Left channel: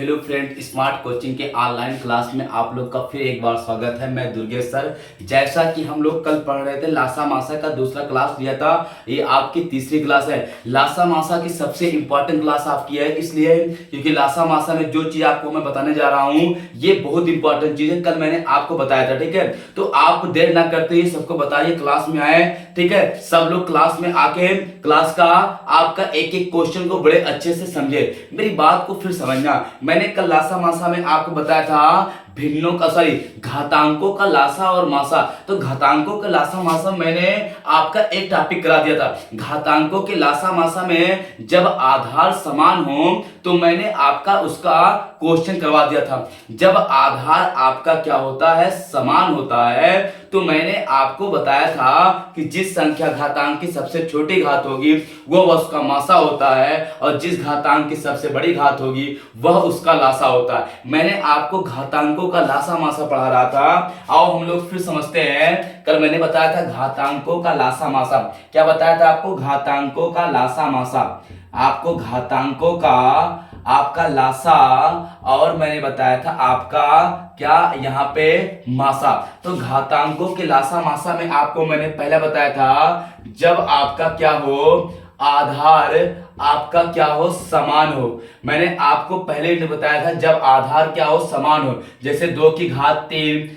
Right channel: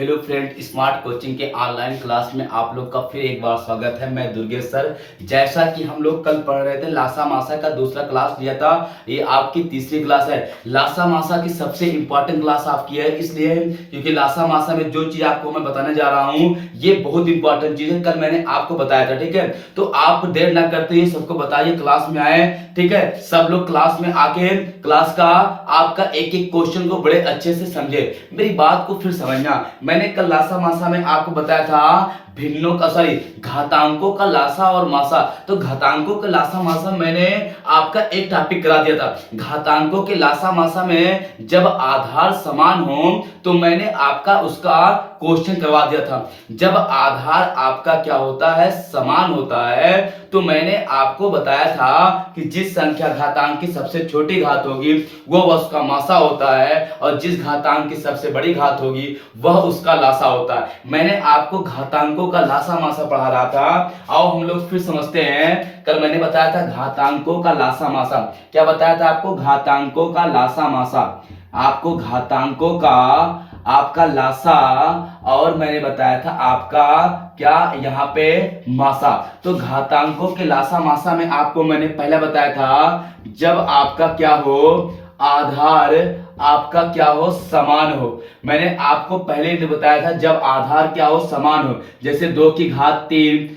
Hello friend, smart coaching के online class में आप लोग का फिर एक बार स्वागत है। मैं दुर्गेश सर। जैसा कि हम लोग कल पढ़ रहे थे, लासा मासा का दूसरा क्लास लिया था, ये आपकी तीसरी क्लास है। लासा मासा की सबसे इंपॉर्टेंट क्लास आपकी है, इसलिए क्योंकि लासा मासा में जो चीज आपको मैं बताने जा रहा हूँ ये बहुत इंपॉर्टेंट चीज है। कल मैंने आपको बताया था, ठीक है। तो आप देर ना करते हुए सबको बताइए, क्लास में आए, ठीक है। सब लोग क्लास में आके क्लास का आपका एक एक क्वेश्चन को बड़े अच्छे से समझे। मेरी बात को फिर समझना, मैंने कल लासा मासा में आपको बताया था भिन्नों का घातांकों का लासा और मासा। तो घातांकों का लासा मासा मैंने आपका एक टॉपिक करा दिया था। घातांकों के लासा मासा में जब आधार समान हो तो मैंने आपका उसका क्वेश्चन करवा दिया था। जब आधार आपका क्या होता है, समान होता है, तो मैंने आपको बताया था कि जिस संख्या घातांक की सबसे छोटी घात होगी वह उसका मासा होता है, और जिस घातांक की सबसे बड़ी घात होगी वह उसका लासा होता है। मैंने आपको घातांकों का लासा मासा पढ़ा रहा था। आओ हम लोग फिर समझते हैं। कल मैंने बताया था घातांकों का लासा मासा। क्या बताया था आपको? घातांकों का लासा मासा। आपको घातांकों का आपका लासा, और मैंने बताया था आपका क्या यहाँ पे मासा। तो घातांकों के लासा मासा में आपको मैंने पहले बताया था, जब आपका क्या हो, आधार आपका क्या हो, समान हो। मैंने आपको पहले ही बताया था जब आधार क्या हो, समान हो। जैसे 2 की घात 3,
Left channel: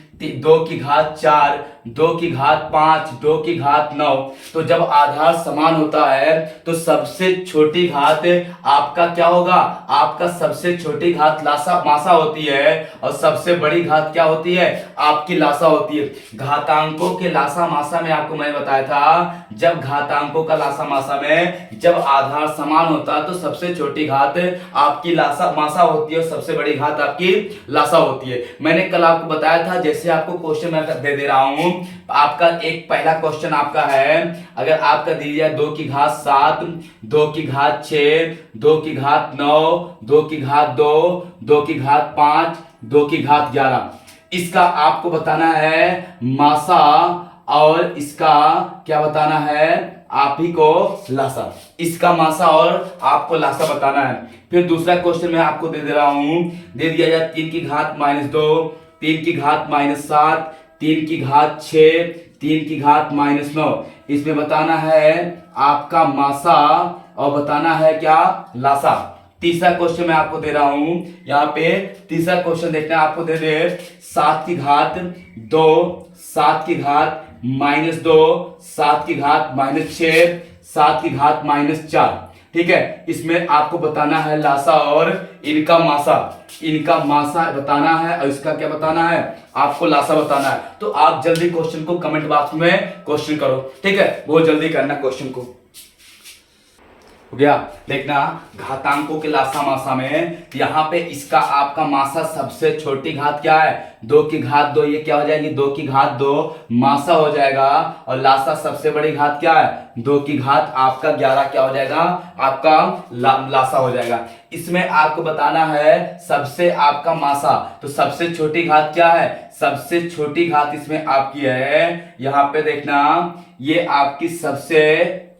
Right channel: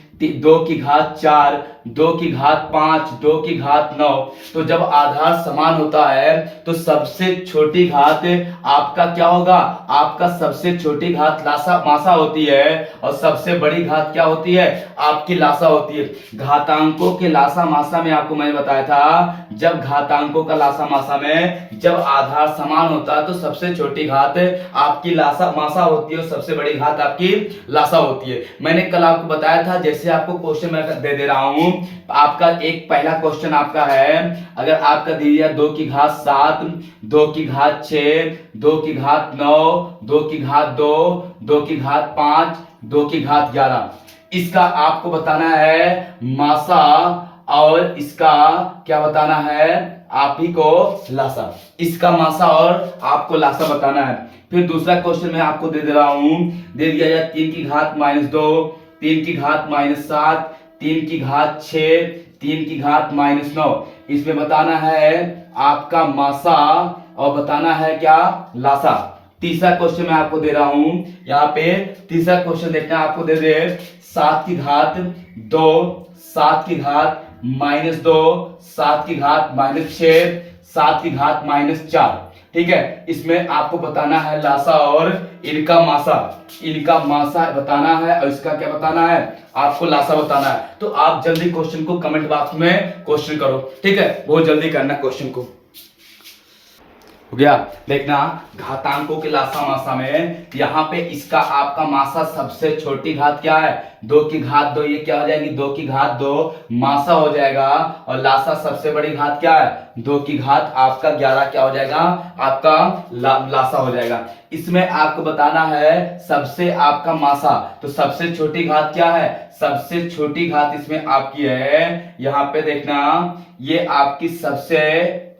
2 की घात 4, 2 की घात 5, 2 की घात 9। तो जब आधार समान होता है तो सबसे छोटी घात आपका क्या होगा, आपका सबसे छोटी घात लासा मासा होती है, और सबसे बड़ी घात क्या होती है, आपकी लासा होती है। घातांकों के लासा मासा में आपको मैंने बताया था, जब घातांकों का लासा मासा में जब आधार समान होता है तो सबसे छोटी घात आपकी लासा मासा होती है, और सबसे बड़ी घात आपकी लासा होती है। मैंने कल आपको बताया था, जैसे आपको क्वेश्चन मैं दे दे रहा हूं। आपका एक पहला क्वेश्चन आपका है, अगर आपका दे दिया 2 की घात 7, 2 की घात 6, 2 की घात 9, 2 की घात 2, 2 की घात 5, 2 की घात 11, इसका आपको बताना है मासा, और इसका क्या बताना है, आप ही को लासा। इसका मासा और आपको लासा बताना है। फिर दूसरा क्वेश्चन मैं आपको दे दे रहा हूं, दे दिया जाए 3 की घात -2, 3 की घात -7, 3 की घात 6, 3 की घात -9। इसमें बताना है आपका मासा और बताना है क्या, लासा। तीसरा क्वेश्चन मैं आपको दे रहा हूं, यहाँ पे तीसरा क्वेश्चन देखना आपको दे दे 7 की घात 2, 7 की घात -2, 7 की घात -6, 7 की घात -4। ठीक है, इसमें आपको बताना है लासा और इनका मासा। इनका मासा बताना है और इसका क्या बताना है, आपको लासा बताना है। तो आप जल्दी क्वेश्चन को कमेंट बॉक्स में क्वेश्चन करो, ठीक है, बहुत जल्दी करना क्वेश्चन को। हो गया। देखना, घातांकों के लासा मासा में यहाँ पे इसका आपका मासा सबसे छोटी घात क्या है, 2 की घात 2, ये क्या हो जाएगी, 2 की घात 2 मासा हो जाएगा, और लासा सबसे बड़ी घात क्या है, 2 की घात आपका 11 क्या हो जाएगा, आपका लासा हो जाएगा। इसमें आपको बताना है सबसे आपका मासा, तो सबसे छोटी घात क्या है, सबसे छोटी घात इसमें आपकी है, यहाँ पे देखना ये आपकी सबसे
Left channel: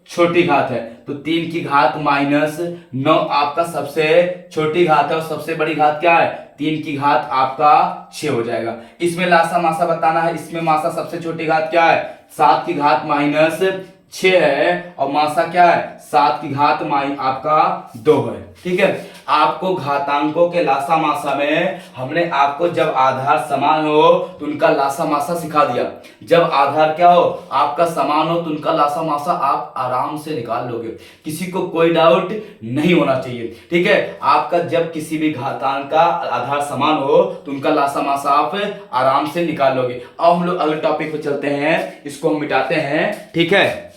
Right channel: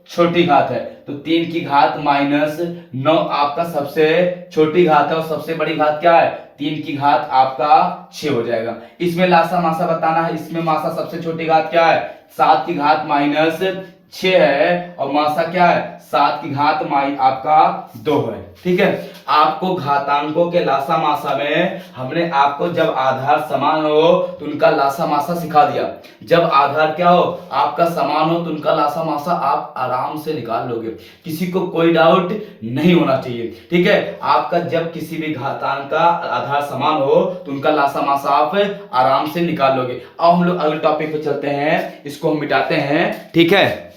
छोटी घात है। तो 3 की घात -9 आपका सबसे छोटी घात है, और सबसे बड़ी घात क्या है, 3 की घात आपका 6 हो जाएगा। इसमें लासा मासा बताना है। इसमें मासा सबसे छोटी घात क्या है, 7 की घात -6 है, और मासा क्या है, 7 की घात आपका 2 है। ठीक है, आपको घातांकों के लासा मासा में हमने आपको जब आधार समान हो तो उनका लासा मासा सिखा दिया। जब आधार क्या हो, आपका समान हो, तो उनका लासा मासा आप आराम से निकाल लोगे, किसी को कोई डाउट नहीं होना चाहिए। ठीक है, आपका जब किसी भी घातांक का आधार समान हो तो उनका लासा मासा आप आराम से निकाल लोगे। अब हम लोग अगले टॉपिक पे चलते हैं, इसको हम मिटाते हैं। ठीक है,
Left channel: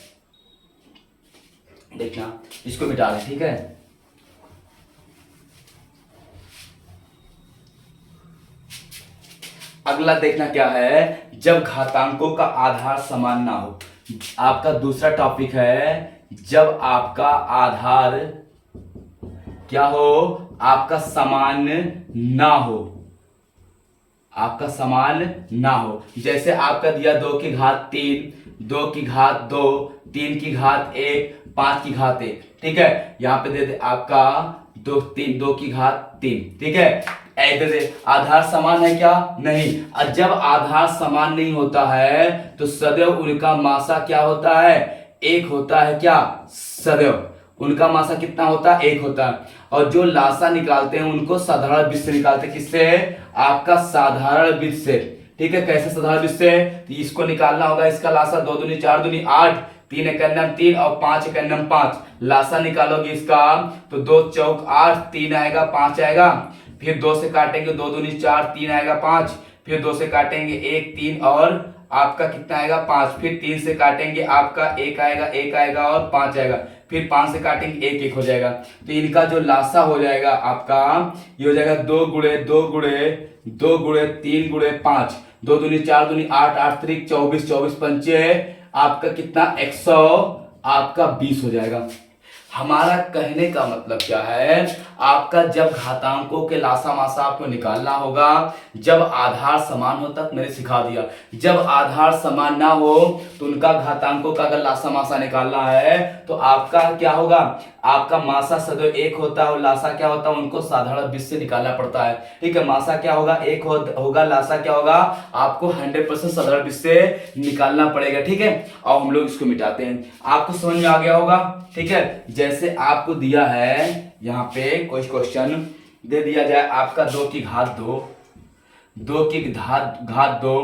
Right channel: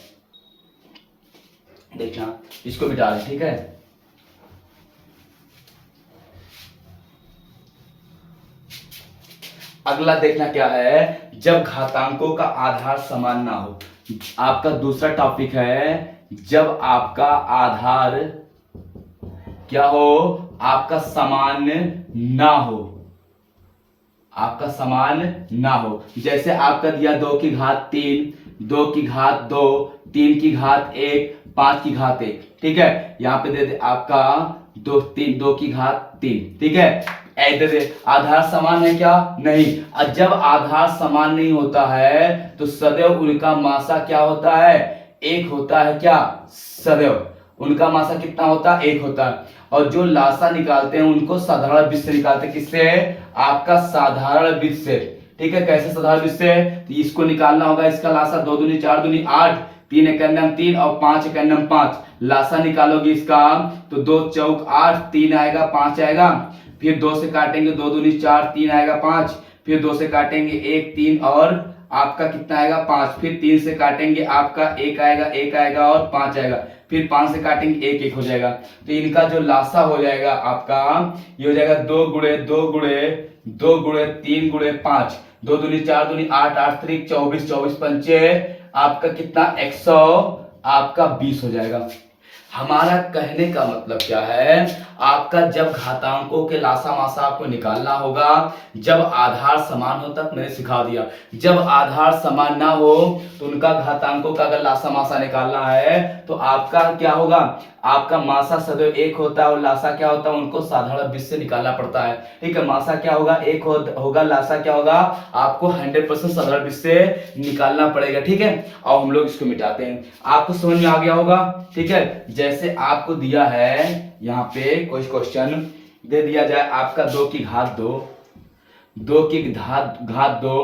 देखना इसको मिटा दें। ठीक है, अगला देखना क्या है, जब घातांकों का आधार समान ना हो। आपका दूसरा टॉपिक है, जब आपका आधार क्या हो, आपका समान ना हो, आपका समान ना हो। जैसे आपका दिया 2 की घात 3, 2 की घात 2, 3 की घात 1, 5 की घात 1, ठीक है। यहाँ पे दे दे आपका 2 की घात 3, ठीक है। ऐसे दे आधार समान है क्या? नहीं। और जब आधार समान नहीं होता है तो सदैव उनका मासा क्या होता है? 1 होता है क्या? सदैव उनका मासा कितना होता है? 1 होता है। और जो लासा निकालते हैं उनको साधारण बीज से निकालते हैं। किससे? आपका साधारण बीज से, ठीक है। कैसे साधारण बीज से? तो इसको निकालना होगा, इसका लासा 2 दूनी 4 दूनी 8, 3 एकन्नम 3 और 5 एकन्नम 5। लासा निकालोगे इसका तो 2 चौक 8, 3 आएगा 5 आएगा, फिर 2 से काटेंगे 2 दूनी 4, 3 आएगा 5, फिर 2 से काटेंगे 1 3 और आपका कितना आएगा 5, फिर 3 से काटेंगे आपका 1 आएगा और 5 आएगा, फिर 5 से काटेंगे 1 1 हो जाएगा। तो इनका जो लासा हो जाएगा आपका ये हो जाएगा 2 गुणे 2 गुणे 2 गुणे 3 गुणे 5, 2 दूनी 4 दूनी 8, 8 त्रिक 24, 24 पंचे आपका कितना 100 आपका 20 हो जाएगा। हमारा कहने का मतलब क्या है? आपका जब घातांकों के लासा मासा आपको निकालना होगा जब आधार समान हो, तक मैंने सिखा दिया। जब आधार समान ना हो तो उनका घातांकों का अगर लासा मासा निकालना है तो आपका क्या होगा? आपका मासा सदैव 1 होता है और लासा क्या होता है? उनको साधारण बीज से निकालना पड़ता है, ठीक है। मासा क्या होगा? 1 होगा, लासा क्या होगा? आपको 100% साधारण बीज से निकालना पड़ेगा, ठीक है। और हम लोग इसको मिटाते हैं। आपको समझ में आ गया होगा, ठीक है। जैसे आपको दिया है यहाँ पे कोई क्वेश्चन दे दिया जाए आपका 2 की घात 2, 2 की घात 2,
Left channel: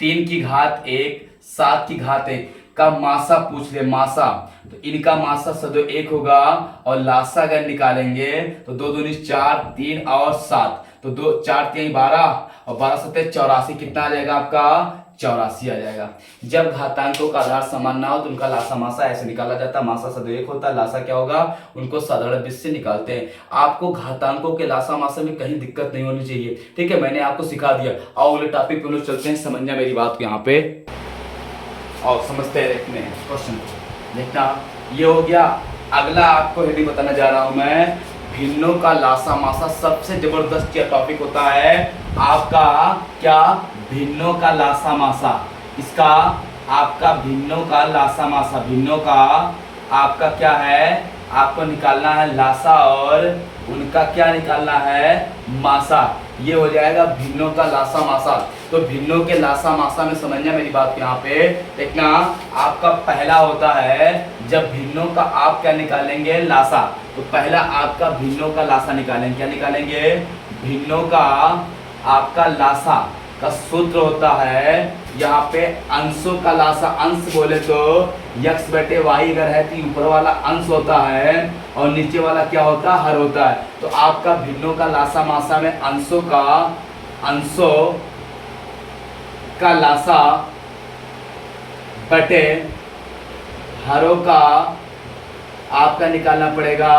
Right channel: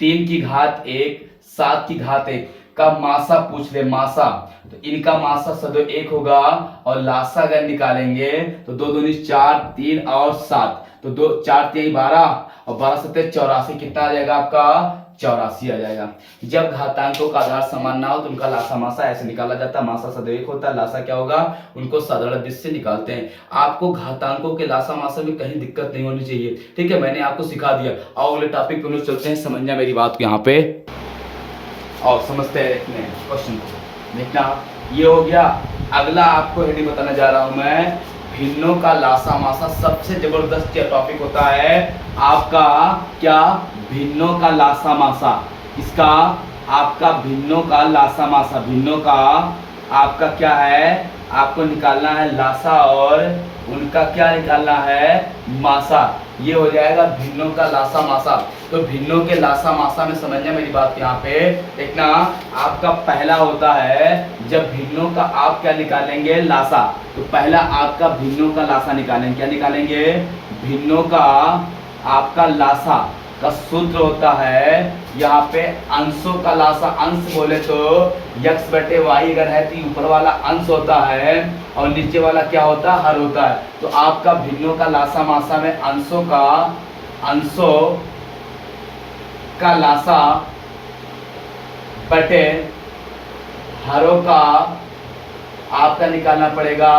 3 की घात 1, 7 की घात 1 का मासा पूछ ले, मासा। तो इनका मासा सदैव 1 होगा और लासा अगर निकालेंगे तो 2 दूनी 4, 3 और 7, तो 2 4 3 12 और 12 7 84, कितना आ जाएगा आपका? 84 आ जाएगा। जब घातांकों का आधार समान ना हो तो उनका लासा मासा ऐसे निकाला जाता है। मासा सदैव 1 होता है, लासा क्या होगा? उनको साधारण बीज से निकालते हैं। आपको घातांकों के लासा मासा में कहीं दिक्कत नहीं होनी चाहिए, ठीक है। मैंने आपको सिखा दिया। और अगले टॉपिक पे हम लोग चलते हैं। समझना मेरी बात को यहाँ पे और समझते हैं, देखते हैं क्वेश्चन को। देखना ये हो गया। अगला आपको हेडिंग बताने जा रहा हूं मैं, भिन्नों का लासा मासा। सबसे जबरदस्त यह टॉपिक होता है आपका क्या? भिन्नों का लासा मासा। इसका आपका भिन्नों का लासा मासा, भिन्नों का आपका क्या है? आपको निकालना है लासा और उनका क्या निकालना है? मासा। ये हो जाएगा भिन्नों का लासा मासा। तो भिन्नों के लासा मासा में समझना मेरी बात यहाँ पे देखना। आपका पहला होता है जब भिन्नों का आप क्या निकालेंगे? लासा। तो पहला आपका भिन्नों का लासा निकालेंगे। क्या निकालेंगे? भिन्नों का आपका लासा का सूत्र होता है यहाँ पे अंशों का लासा। अंश बोले तो x बटे वाई अगर है तो ऊपर वाला अंश होता है और नीचे वाला क्या होता है? हर होता है। तो आपका भिन्नों का लासा मासा में अंशों का लासा बटे हरों का आपका निकालना पड़ेगा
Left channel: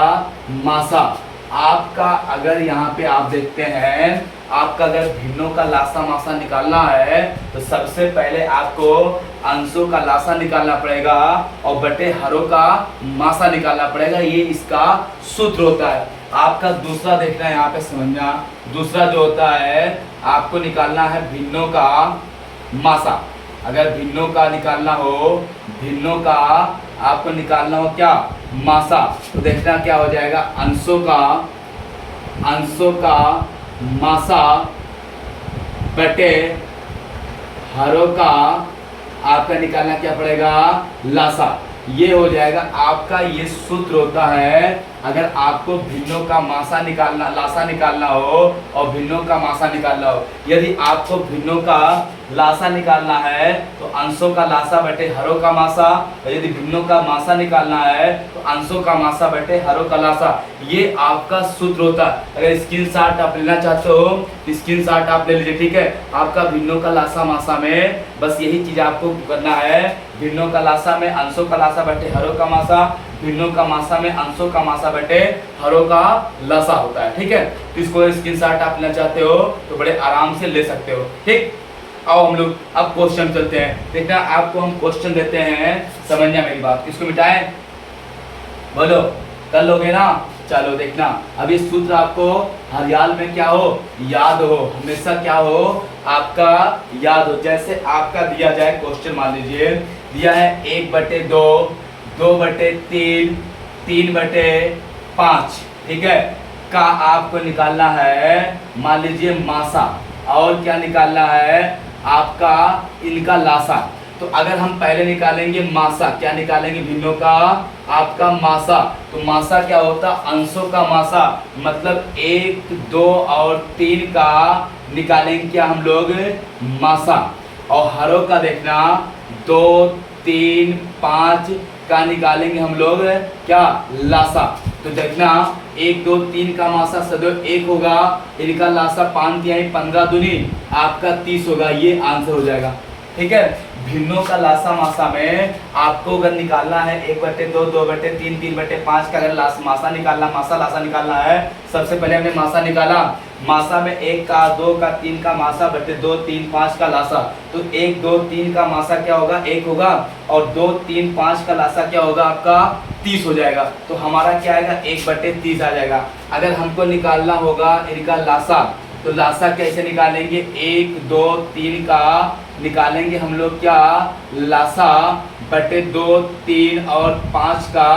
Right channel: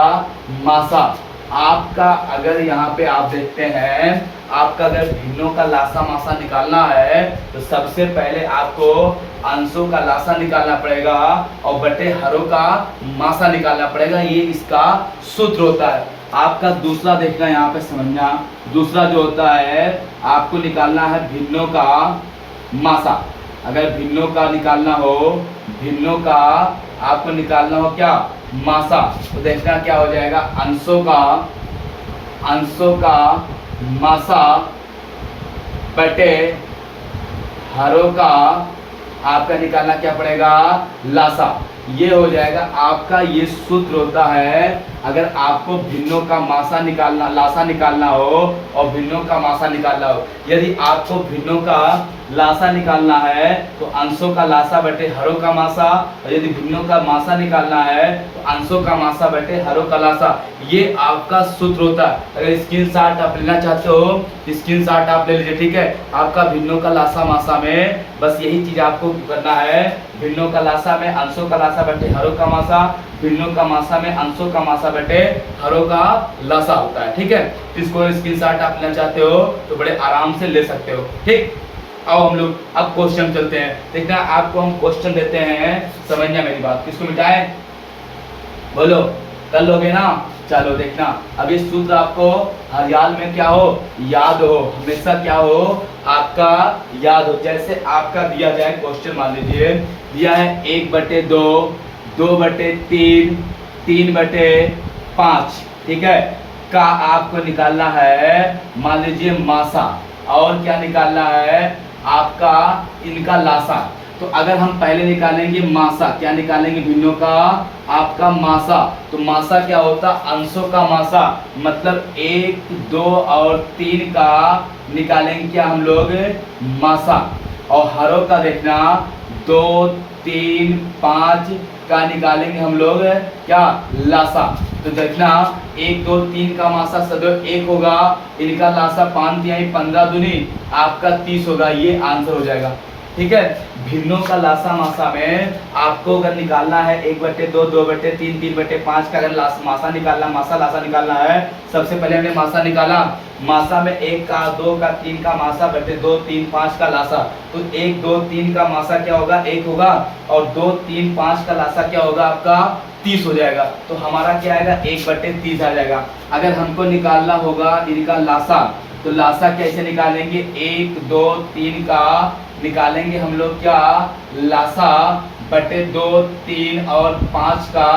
मासा। आपका अगर यहाँ पे आप देखते हैं, आपका अगर भिन्नों का लासा मासा निकालना है तो सबसे पहले आपको अंशों का लासा निकालना पड़ेगा और बटे हरों का मासा निकालना पड़ेगा। ये इसका सूत्र होता है। आपका दूसरा देखना यहाँ पे समझना। दूसरा जो होता है आपको निकालना है भिन्नों का मासा। अगर भिन्नों का निकालना हो, भिन्नों का आपको निकालना हो क्या? मासा। तो देखना क्या हो जाएगा? अंशों का मासा बटे हरों का आपका निकालना क्या पड़ेगा? लासा। ये हो जाएगा आपका। ये सूत्र होता है अगर आपको भिन्नों का मासा निकालना, लासा निकालना हो और भिन्नों का मासा निकालना हो। यदि आपको भिन्नों का लासा निकालना है तो अंशों का लासा बटे हरों का मासा, और यदि भिन्नों का मासा निकालना है तो अंशों का मासा बटे हरों का लासा। ये आपका सूत्र होता है। अगर स्क्रीनशॉट आप लेना चाहते हो तो स्क्रीनशॉट आप ले लीजिए, ठीक है। आपका भिन्नों का लासा मासा में बस यही चीज आपको करना है। भिन्नों का लासा में अंशों का लासा बटे हरों का मासा, भिन्नों का मासा में अंशों का मासा बटे हरों का लासा होता है, ठीक है। तो इसको स्क्रीनशॉट आप लेना चाहते हो तो बड़े आराम से ले सकते हो, ठीक। आओ हम लोग अब क्वेश्चन चलते हैं। देखना आपको हम क्वेश्चन देते हैं, समझना मेरी बात। किसको मिटाए? बोलो, कर लोगे ना? चलो देखना। अब ये सूत्र आपको हर हाल में क्या हो? याद हो, हमेशा क्या हो? आपका याद हो। जैसे आपका दिया जाए क्वेश्चन, मान लीजिए दिया है 1/2 2/3, 3/5, ठीक है, का आपको निकालना है, मान लीजिए मासा, और क्या निकालना है आपका इनका लासा। तो अगर हम पहले निकालेंगे मासा, क्या निकालेंगे भिन्नों का आपका मासा, तो मासा क्या होता, अंशों का मासा, मतलब 1, 2 और 3 का निकालेंगे क्या हम लोग मासा, और हरों का देखना 2, 3, 5 का निकालेंगे हम लोग क्या लासा। तो देखना 1, 2, 3 का मासा सदैव 1 होगा, इनका लासा 5 तिहाई 15 दूनी आपका 30 होगा, ये आंसर हो जाएगा, ठीक है। भिन्नों का लासा मासा में आपको अगर निकालना है 1/2, 2/3, 3/5 का अगर मासा निकालना, मासा लासा निकालना है, सबसे पहले हमने मासा निकाला, मासा में 1 का 2 का 3 का मासा बटे 2, 3, 5 का लासा, तो 1, 2, 3 का मासा क्या होगा 1 होगा, और 2, 3, 5 का लासा क्या होगा आपका 30 हो जाएगा, तो हमारा क्या आएगा 1/30 आ जाएगा। अगर हमको निकालना होगा इनका लासा, तो लासा कैसे निकालेंगे, 1, 2, 3 का निकालेंगे हम लोग क्या लासा बटे 2, 3 और 5 का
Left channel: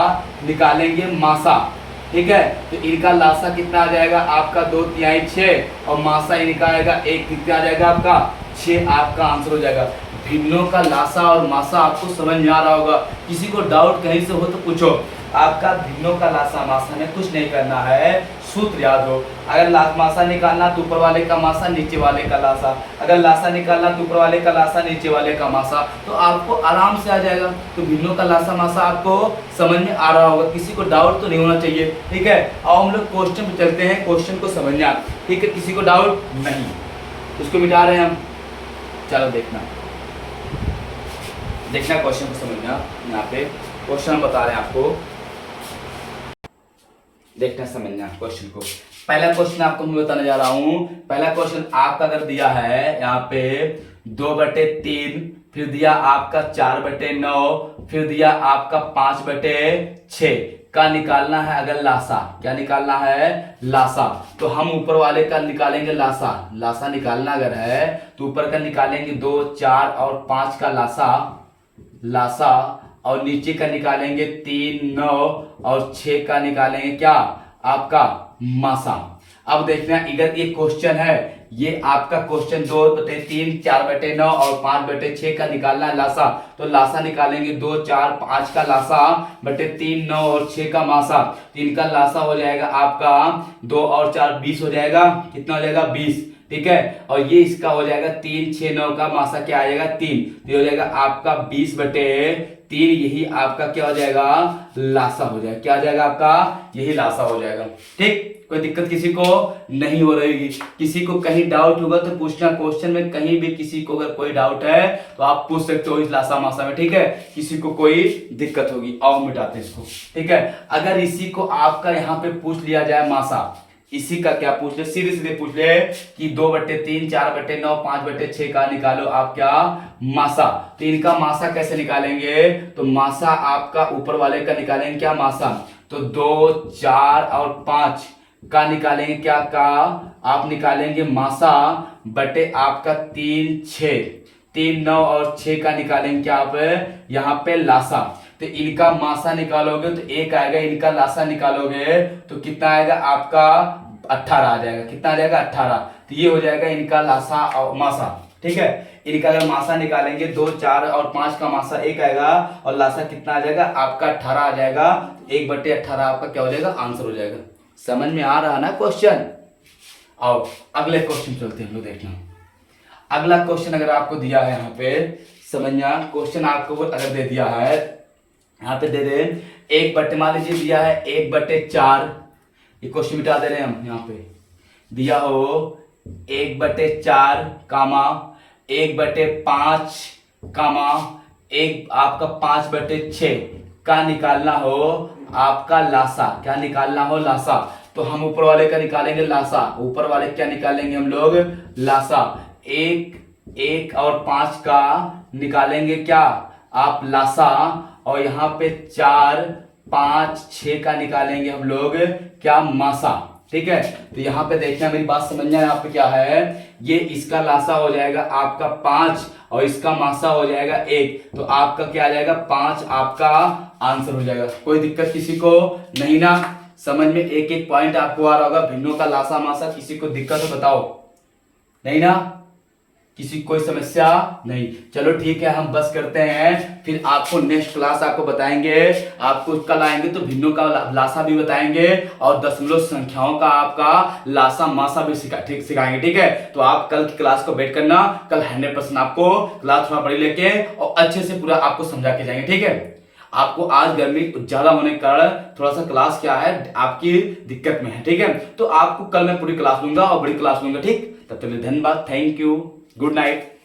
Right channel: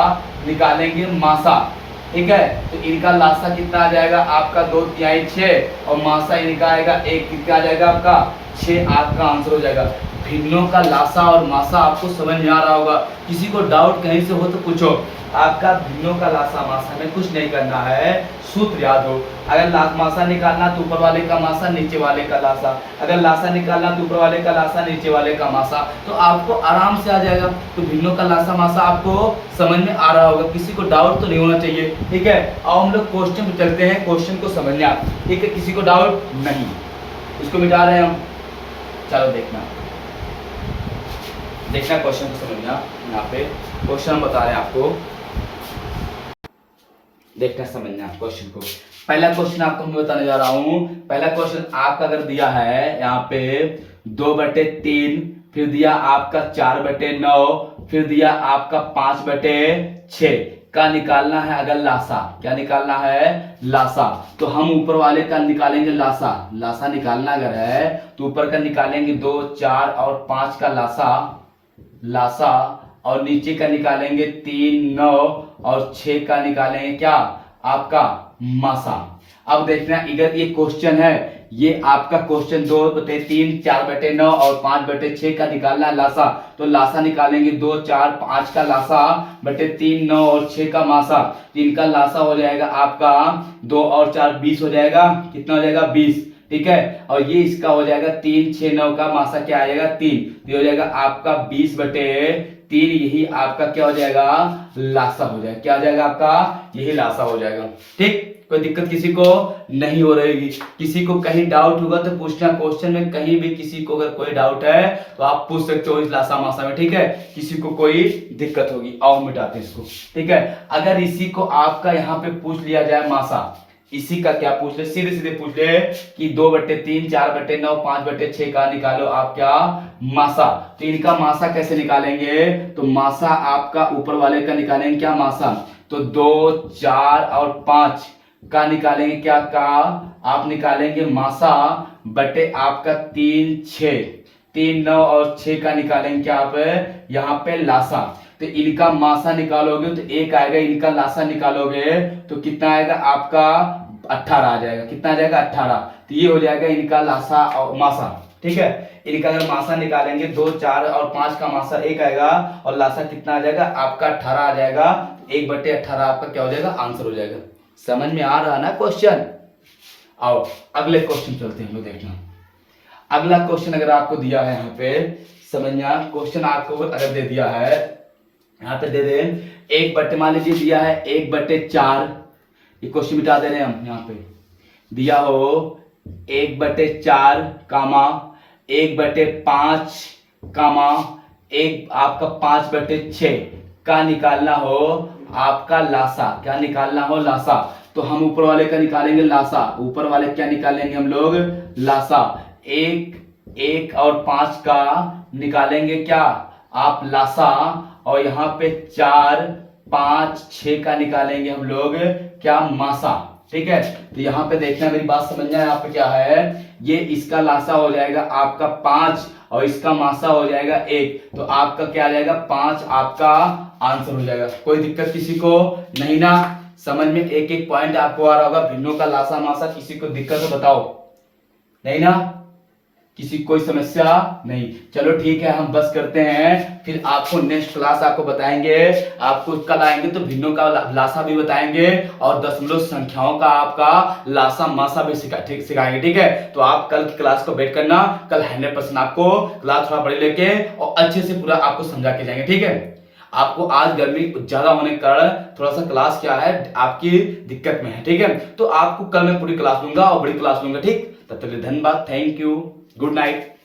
निकालेंगे मासा, ठीक है। तो इनका लासा कितना आ जाएगा आपका 2 तिहाई 6, और मासा इनका आएगा 1, कितना आ जाएगा आपका 6, आपका आंसर हो जाएगा। भिन्नों का लासा और मासा आपको समझ में आ रहा होगा, किसी को डाउट कहीं से हो तो पूछो। आपका भिन्नों का लासा मासा में कुछ नहीं करना है, सूत्र याद हो, अगर मासा निकालना तो ऊपर वाले का मासा नीचे वाले का लासा, अगर लासा निकालना तो ऊपर वाले का लासा नीचे वाले का मासा, तो आपको आराम से आ जाएगा। तो भिन्नों का लासा मासा आपको समझ में आ रहा होगा, किसी को डाउट तो नहीं होना चाहिए, ठीक है। और हम लोग क्वेश्चन पे चलते हैं, क्वेश्चन को समझना, ठीक है, किसी को डाउट नहीं, इसको मिटा रहे हैं हम, चलो देखना क्वेश्चन को समझना। यहाँ पे क्वेश्चन हम बता रहे हैं आपको, देखना समझना क्वेश्चन को। पहला क्वेश्चन आपको मैं बताने जा रहा हूं। पहला क्वेश्चन आपका अगर दिया है यहाँ पे 2/3, फिर दिया आपका 4/9, फिर दिया आपका 5/6 का निकालना है अगर लासा, क्या निकालना है लासा, तो हम ऊपर वाले का निकालेंगे लासा, लासा निकालना अगर है तो ऊपर का निकालेंगे 2, 4 और 5 का लासा, और नीचे का निकालेंगे 3, 9 और 6 का निकालेंगे क्या आपका मासा। अब देखना इधर ये क्वेश्चन है, ये आपका क्वेश्चन 2/3, 4/9 और 5/6 का निकालना है लासा, तो लासा निकालेंगे 2, 4, 5 का लासा बटे 3, 9 और 6 का मासा, तो इनका लासा हो जाएगा आपका 2 और 4 20 हो जाएगा, कितना हो जाएगा 20, ठीक है। और ये इसका हो जाएगा 3, 6, 9 का मासा क्या आ जाएगा 3, तो हो जाएगा आपका 20/3, यही आपका क्या हो जाएगा लासा हो जाएगा, क्या हो जाएगा आपका यही लासा हो जाएगा, ठीक। कोई दिक्कत किसी को नहीं हो रही, किसी को कहीं डाउट होगा तो पूछना, क्वेश्चन में कहीं भी किसी को अगर कोई डाउट है तो आप पूछ सकते हो इस लासा मासा में, ठीक है। किसी को कोई दिक्कत होगी, आओ मिटाते हैं इसको, ठीक है। अगर इसी को आपका यहाँ पे पूछ लिया जाए मासा, इसी का क्या पूछ ले, सीधे सीधे पूछ ले कि 2/3, 4/9, 5/6 का निकालो आप क्या मासा, तो इनका मासा कैसे निकालेंगे, तो मासा आपका ऊपर वाले का निकालेंगे क्या मासा, तो 2, 4 और 5 का निकालेंगे क्या का आप निकालेंगे मासा बटे आपका 3, 6, 3, 9 और 6 का निकालेंगे क्या आप यहाँ पे लासा। तो इनका मासा निकालोगे तो 1 आएगा, इनका लासा निकालोगे तो कितना आएगा आपका 18 आ जाएगा, कितना आ जाएगा 18, तो ये हो जाएगा इनका लासा और मासा, ठीक है। इनका अगर मासा निकालेंगे 2, 4 और 5 का मासा 1 आएगा, और लासा कितना आ जाएगा आपका 18 आ जाएगा, 1/18 आपका क्या हो जाएगा आंसर हो जाएगा। समझ में आ रहा ना क्वेश्चन। आओ अगले क्वेश्चन चलते हैं, देखना अगला क्वेश्चन अगर आपको दिया है यहाँ पे समझना, क्वेश्चन आपको अगर दे दिया है यहाँ पे दे दे मान लीजिए दिया है 1/4, ये क्वेश्चन मिटा दे रहे हैं हम, यहाँ पे दिया हो 1/4 कामा 1/5 कामा एक आपका 5/6 का निकालना हो आपका लासा, क्या निकालना हो लासा, तो हम ऊपर वाले का निकालेंगे लासा, ऊपर वाले क्या निकालेंगे हम लोग लासा, 1 और 5 का निकालेंगे क्या आप लासा, और यहाँ पे 4, 5, 6 का निकालेंगे हम लोग क्या मासा, ठीक है। तो यहाँ पे देखना मेरी बात समझना, यहाँ पे क्या है, ये इसका लासा हो जाएगा आपका 5 और इसका मासा हो जाएगा 1, तो आपका क्या आ जाएगा 5 आपका आंसर हो जाएगा। कोई दिक्कत किसी को नहीं ना? समझ में एक एक पॉइंट आपको आ रहा होगा। भिन्नों का लासा मासा किसी को दिक्कत हो बताओ? नहीं ना? किसी कोई समस्या नहीं? चलो ठीक है, हम बस करते हैं। फिर आपको नेक्स्ट क्लास आपको बताएंगे। आपको कल आएंगे तो भिन्नों का लासा भी बताएंगे और दशमलव संख्याओं का आपका लासा मासा भी सिखाएंगे। ठीक है, तो आप कल की क्लास को वेट करना। कल 100% आपको क्लास थोड़ा बड़ी लेके और अच्छे से पूरा आपको समझा के जाएंगे। ठीक है, आपको आज गर्मी ज्यादा होने के कारण थोड़ा सा क्लास क्या है आपकी दिक्कत में है। ठीक है, तो आपको कल मैं पूरी क्लास लूंगा और बड़ी क्लास लूंगा। ठीक, तब तक के लिए धन्यवाद, थैंक यू, गुड नाइट।